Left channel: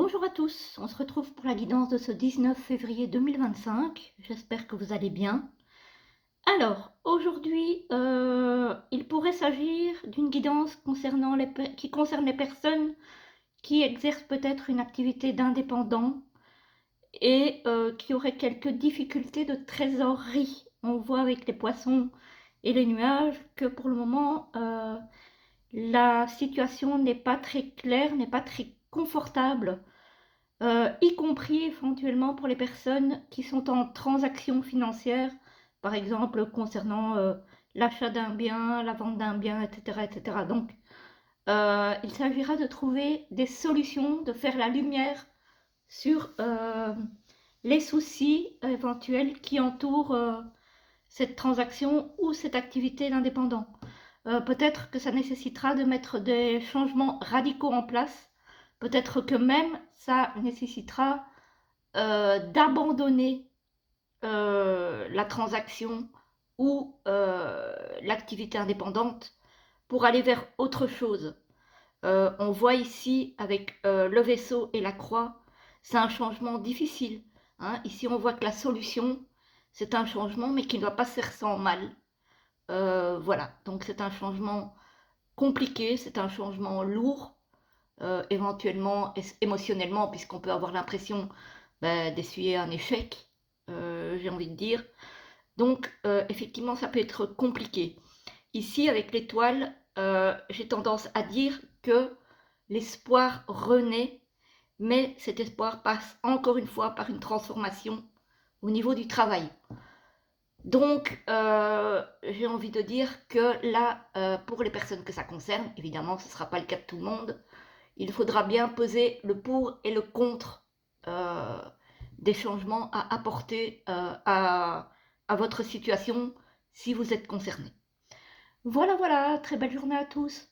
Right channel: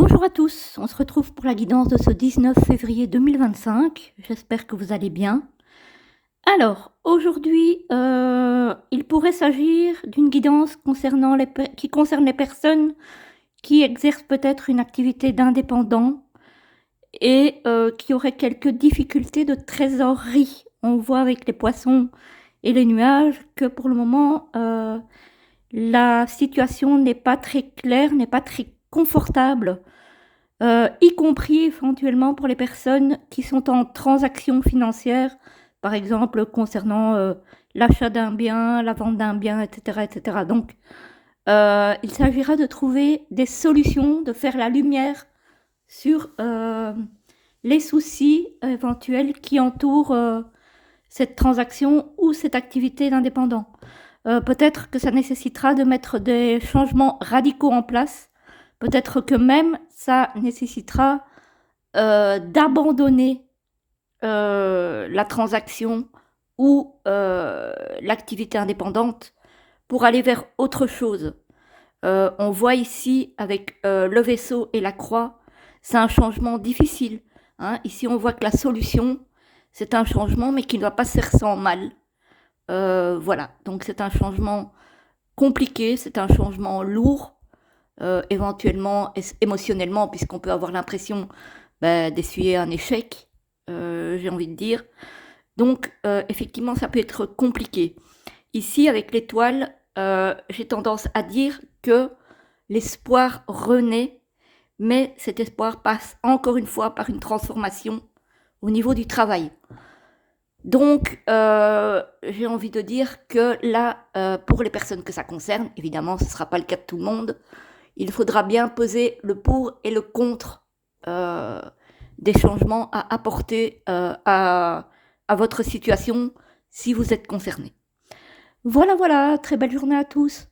Bonjour à tous, on se retrouve pour la guidance de ce 19 février 2025. J'espère que vous allez bien. Alors, aujourd'hui, il pourrait s'agir d'une guidance qui concerne les personnes qui exercent peut-être une activité d'indépendant et qui auraient quelques difficultés de trésorerie. On voit avec les poissons et les nuages que pour le moment, la situation n'est pas très claire, n'est pas très confortable, y compris éventuellement pour les personnes qui sont en transaction financière, par exemple concernant l'achat d'un bien, la vente d'un bien, etc. etc. Donc, il s'agira de trouver des solutions, de faire la lumière sur les soucis éventuels qui entourent cette transaction ou cette activité d'indépendant. Peut-être que ça nécessitera de mettre des changements radicaux en place. Peut-être que même ça nécessitera d'abandonner la transaction ou l'activité indépendante pour aller vers autre chose. On voit ici avec le vaisseau et la croix, c'est un changement difficile, hein. Ici, on voit que la solution, c'est un changement, mais qui ne doit pas se faire sans mal. Voilà, donc c'est un changement compliqué, c'est un changement lourd, éventuellement émotionnellement, puisqu'on peut avoir l'impression d'essuyer un échec, j'ai envie de dire. Donc, effectivement, ça peut être compliqué. Ici, avec l'étoile, j'ai tendance à dire que l'espoir renaît, mais cet espoir passe encore une fois par une transformation au niveau du travail. Donc, j'ai envie de dire que là, pour les personnes que ça concerne, évidemment, ce ne sera pas le cas de tout le monde, il faudra bien peser le pour et le contre euh, des changements à apporter à votre situation si vous êtes concerné. Voilà, voilà, très belle journée à tous.